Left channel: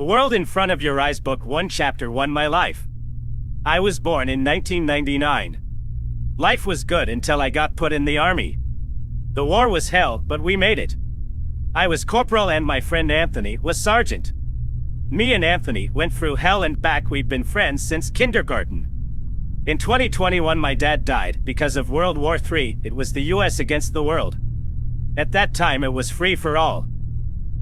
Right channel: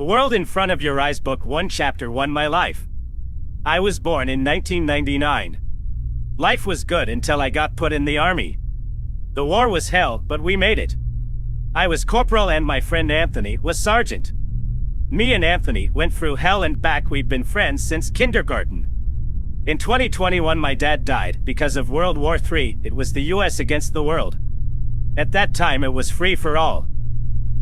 The World in Front of Your Eyes Book 1 Chapter 1 My Life. I was born in 1999. Life was good until I got put in the army. The war was hell, but we made it. I was corporal and my friend Anthony was sergeant. Me and Anthony went through hell and back. We've been friends since kindergarten. In 2021 my dad died because of World War III. It was the US against the world. At that time it was free for all.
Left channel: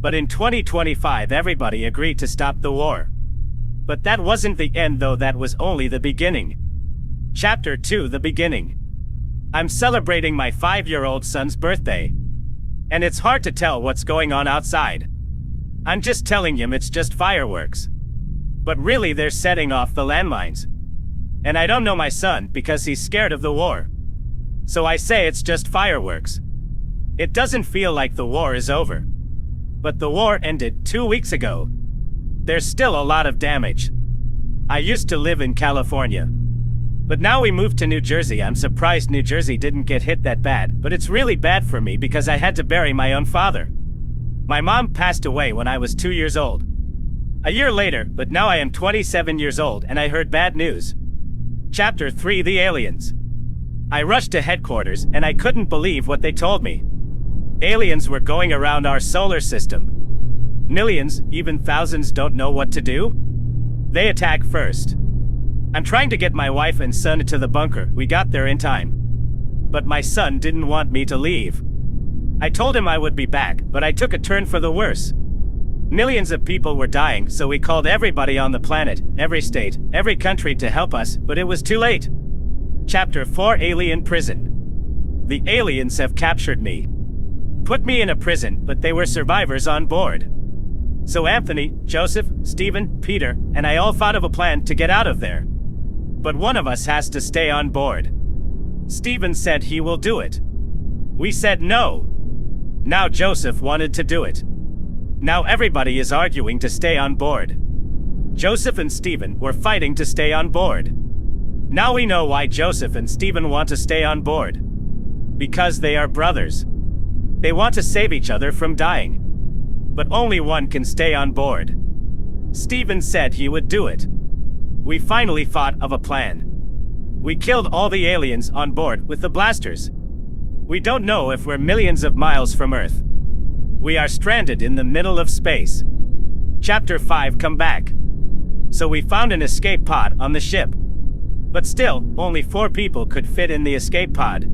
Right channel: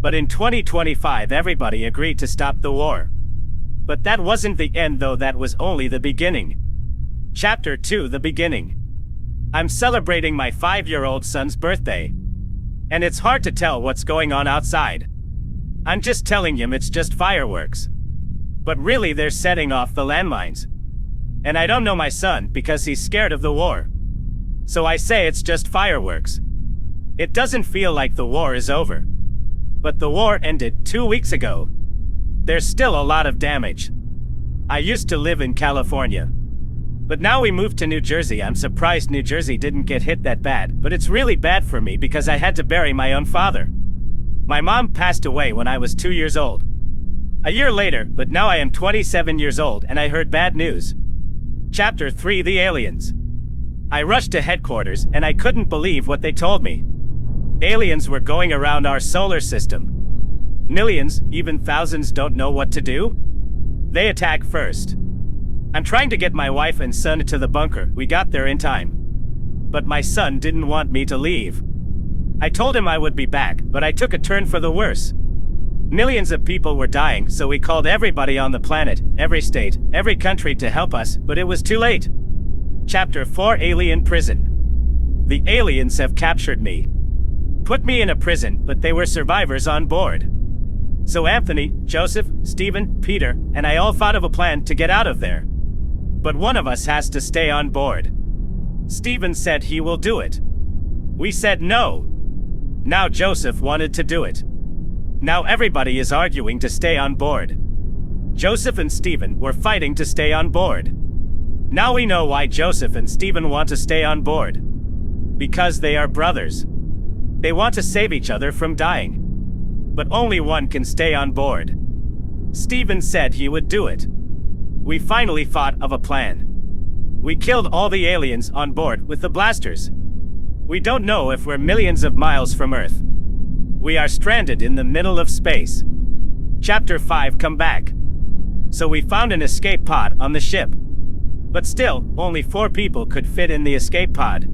But in 2025 everybody agreed to stop the war. But that wasn't the end though, that was only the beginning. Chapter 2 The Beginning. I'm celebrating my 5-year-old son's birthday. And it's hard to tell what's going on outside. I'm just telling him it's just fireworks. But really they're setting off the landmines. And I don't know my son because he's scared of the war. So I say it's just fireworks. It doesn't feel like the war is over. But the war ended 2 weeks ago. There's still a lot of damage. I used to live in California. But now we moved to New Jersey. I'm surprised New Jersey didn't get hit that bad, but it's really bad for me because I had to bury my own father. My mom passed away when I was 2 years old. A year later, but now I am 27 years old and I heard bad news. Chapter 3 The Aliens. I rushed to headquarters and I couldn't believe what they told me. Aliens were going around our solar system. Millions, even thousands don't know what to do. They attack first. I'm trying to get my wife and son to the bunker. We got there in time. But my son didn't want me to leave. I told him I would be back, but I took a turn for the worse. Millions of people were dying, so we called everybody on the planet, every state, every country to help us, but it was too late. Chapter 4 Alien Prison. The aliens have captured me. Put me in a prison, but they were survivors on board. So Anthony, Joseph, Stephen, Peter, and I all thought of a plan to get out of there. But one of us has to stay on board. Stephen said he will do it. We said no. Now Joseph wanted to do it. Now everybody is arguing to stay on board. Joseph and Stephen were fighting to stay on board. Now we know why Joseph and Stephen want to stay on board. Because they are brothers. They want to save each other from dying. But only one can stay on board. Stephen said he would do it. We finally thought of a plan. We killed all the aliens on board with the blasters. We don't know if we're millions of miles from Earth. We are stranded in the middle of space. Chapter 5 Come Back. So we found an escape pod on the ship. But still, only 4 people could fit in the escape pod.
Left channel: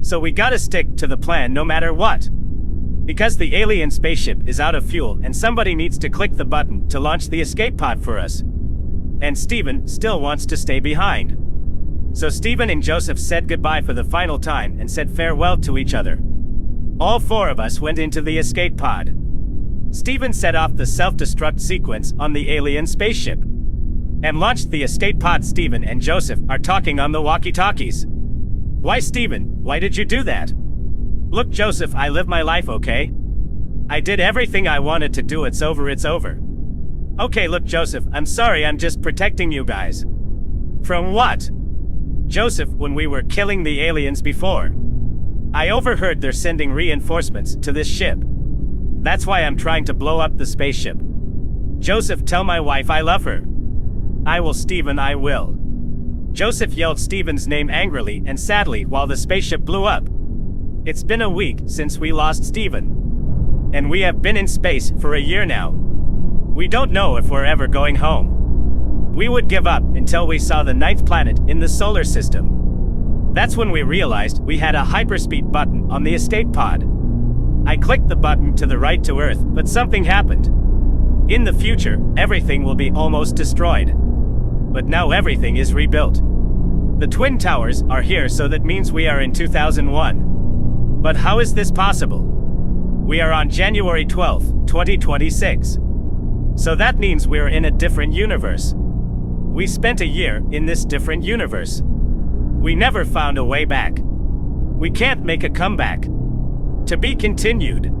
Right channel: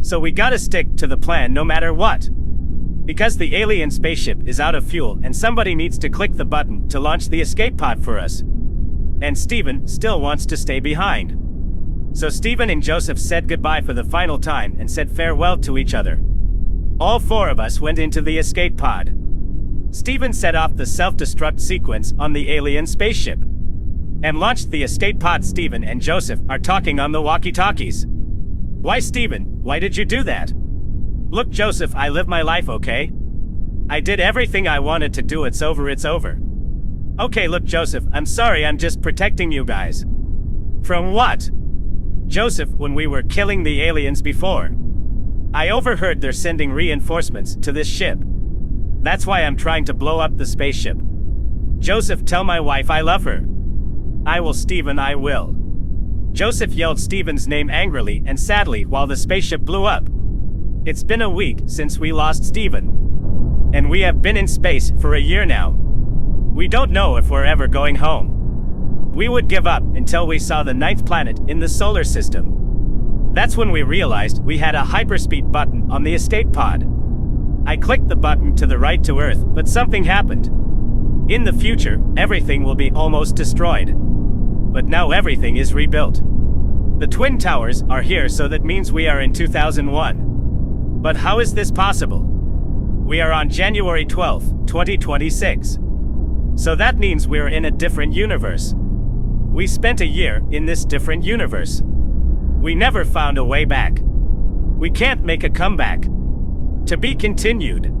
So we gotta stick to the plan no matter what. Because the alien spaceship is out of fuel and somebody needs to click the button to launch the escape pod for us. And Stephen still wants to stay behind. So Stephen and Joseph said goodbye for the final time and said farewell to each other. All 4 of us went into the escape pod. Stephen set off the self-destruct sequence on the alien spaceship and launched the escape pod. Stephen and Joseph are talking on the walkie-talkies. Why, Stephen, why did you do that? Look, Joseph, I live my life, okay? I did everything I wanted to do. It's over, it's over. Okay, look, Joseph, I'm sorry, I'm just protecting you guys. From what? Joseph, when we were killing the aliens before, I overheard they're sending reinforcements to this ship. That's why I'm trying to blow up the spaceship. Joseph, tell my wife I love her. I will, Stephen, I will. Joseph yelled Stephen's name angrily and sadly while the spaceship blew up. It's been a week since we lost Stephen. And we have been in space for a year now. We don't know if we're ever going home. We would give up until we saw the 9th planet in the solar system. That's when we realized we had a hyperspeed button on the escape pod. I clicked the button to the right to Earth, but something happened. In the future, everything will be almost destroyed. But now everything is rebuilt. The Twin Towers are here, so that means we are in 2001. But how is this possible? We are on January 12th, 2026. So that means we're in a different universe. We spent a year in this different universe. We never found a way back. We can't make a comeback. To be continued.